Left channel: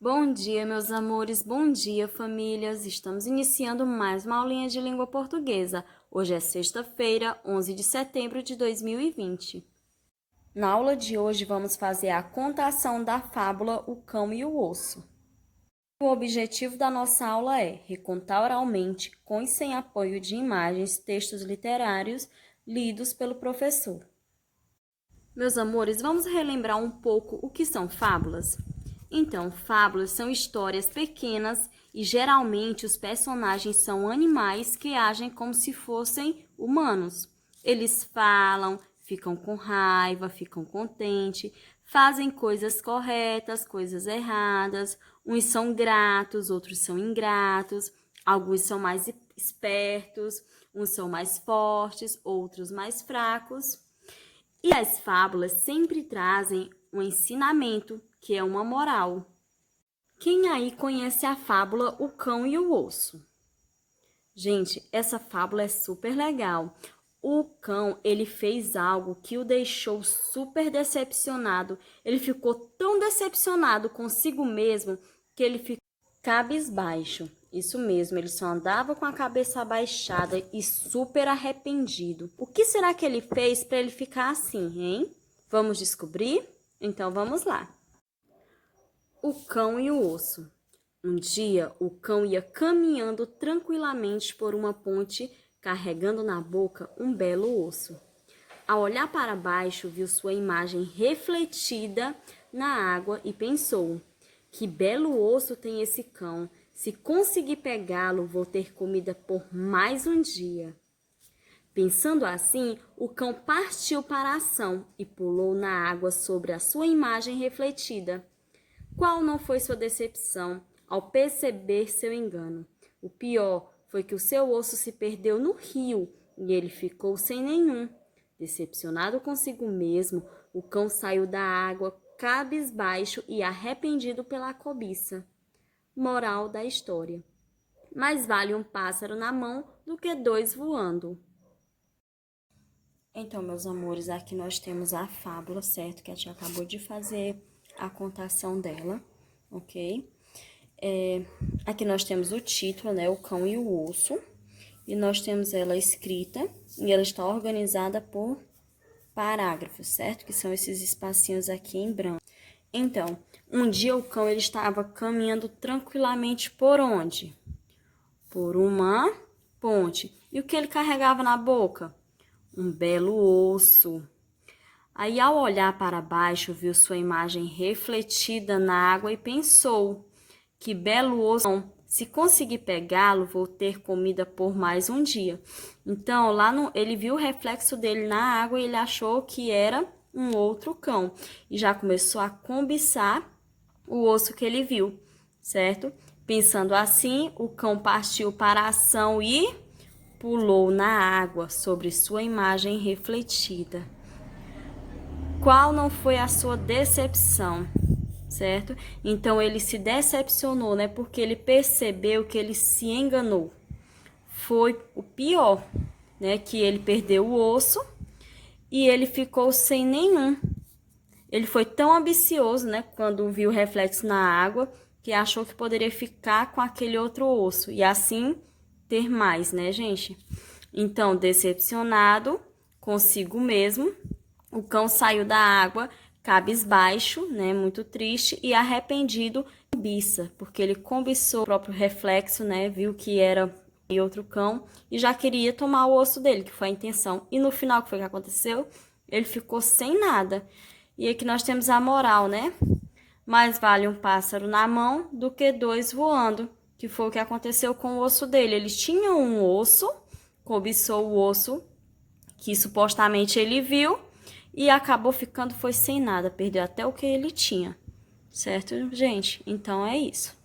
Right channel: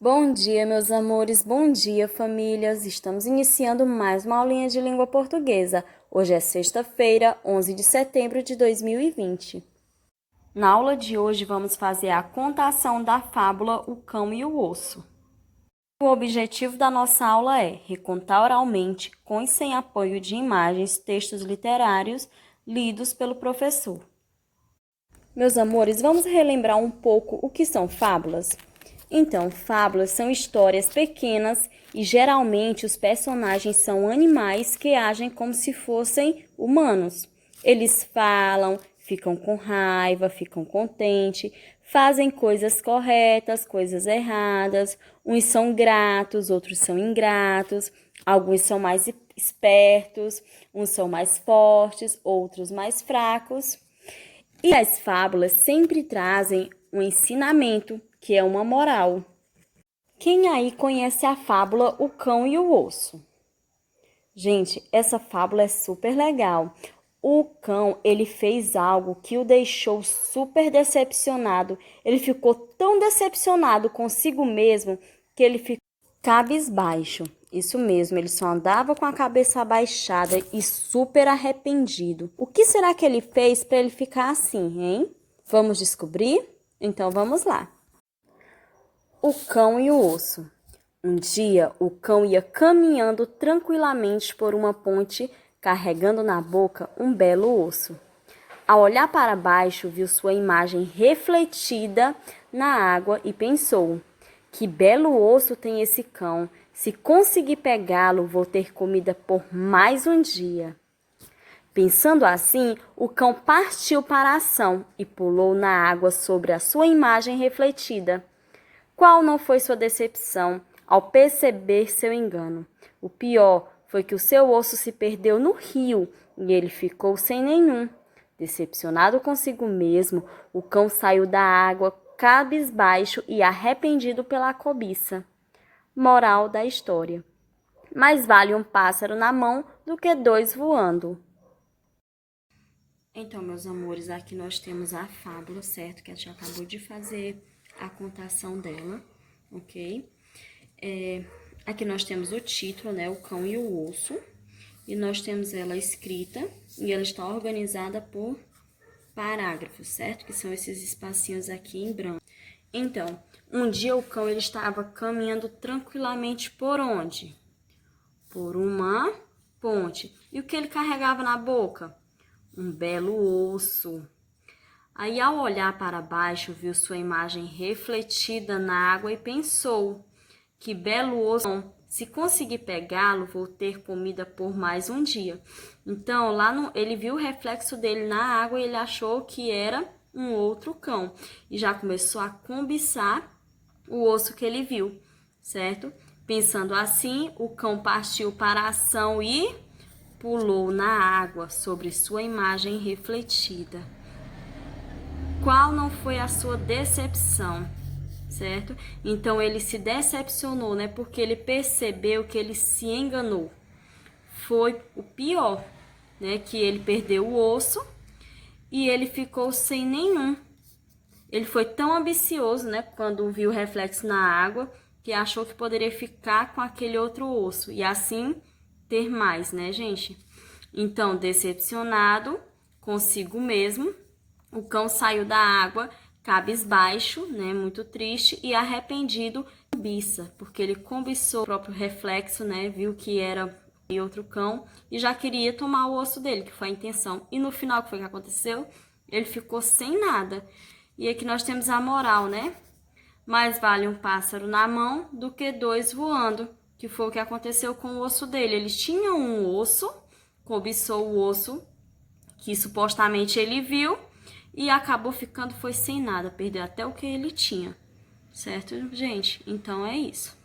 Bom dia, meus amores, bom dia, famílias. Estamos iniciando mais uma aulinha de língua portuguesa. Hoje é sexta-feira, 11 de setembro de 2020. Na aula de hoje, vamos fazer a contação da fábula O Cão e o Osso. O objetivo da nossa aula é recontar oralmente, com e sem apoio de imagens, textos literários lidos pelo professor. Meus amores, vamos relembrar um pouco o que são fábulas? Então, fábulas são histórias pequenas e geralmente os personagens são animais que agem como se fossem humanos. Eles falam, ficam com raiva, ficam contentes, fazem coisas corretas, coisas erradas. Uns são gratos, outros são ingratos. Alguns são mais espertos, uns são mais fortes, outros mais fracos. E as fábulas sempre trazem um ensinamento, que é uma moral. Quem aí conhece a fábula O Cão e o Osso? Gente, essa fábula é super legal. O cão, ele fez algo que o deixou super decepcionado. Ele ficou tão decepcionado consigo mesmo que ele ficou cabisbaixo. Isso mesmo, ele só andava com a cabeça abaixada e super arrependido. O que será que ele fez para ele ficar assim, hein? Vamos descobrir? Então vamos lá. O cão e o osso. Um dia, o cão ia caminhando tranquilamente por uma ponte, carregando na boca um belo osso. Ao olhar para baixo, viu sua imagem refletida na água e pensou: que belo osso tem esse cão! Se conseguir pegá-lo, vou ter comida por mais um dia. Pensando assim, o cão partiu para a ação e pulou na água sobre a sua imagem refletida. Qual não foi sua decepção ao perceber seu engano? O pior foi que o seu osso se perdeu no rio e ele ficou sem nenhum. Decepcionado consigo mesmo, o cão saiu da água cabisbaixo e arrependido pela cobiça. Moral da história: mais vale um pássaro na mão do que dois voando. Então, meus amores, aqui nós temos a fábula, certo? Que a tia acabou de fazer a contação dela, ok? Aqui nós temos o título, né? O Cão e o Osso. E nós temos ela escrita e ela está organizada por parágrafos, certo? Que são esses espacinhos aqui em branco. Então, um dia o cão ele estava caminhando tranquilamente por onde? Por uma ponte. E o que ele carregava na boca? Um belo osso. Aí, ao olhar para baixo, viu sua imagem refletida na água e pensou: que belo osso! Se conseguir pegá-lo, vou ter comida por mais um dia. Então, ele viu o reflexo dele na água e ele achou que era um outro cão. E já começou a cobiçar o osso que ele viu, certo? Pensando assim, o cão partiu para a ação e pulou na água sobre sua imagem refletida. Qual não foi a sua decepção, certo? Então, ele se decepcionou, né? Porque ele percebeu que ele se enganou. Foi o pior, né? Que ele perdeu o osso e ele ficou sem nenhum. Ele foi tão ambicioso, né? Quando viu o reflexo na água, que achou que poderia ficar com aquele outro osso e assim ter mais, né, gente? Então, decepcionado consigo mesmo, o cão saiu da água cabisbaixo, né, muito triste e arrependido, cobiça, porque ele cobiçou o próprio reflexo, né, viu que era outro cão e já queria tomar o osso dele, que foi a intenção. E no final, o que foi que aconteceu? Ele ficou sem nada. E aqui nós temos a moral, né? Mais vale um pássaro na mão do que dois voando, que foi o que aconteceu com o osso dele. Eles tinham um osso, cobiçou o osso que supostamente ele viu e acabou ficando foi sem nada, perdeu até o que ele tinha. Certo, gente? Então é isso.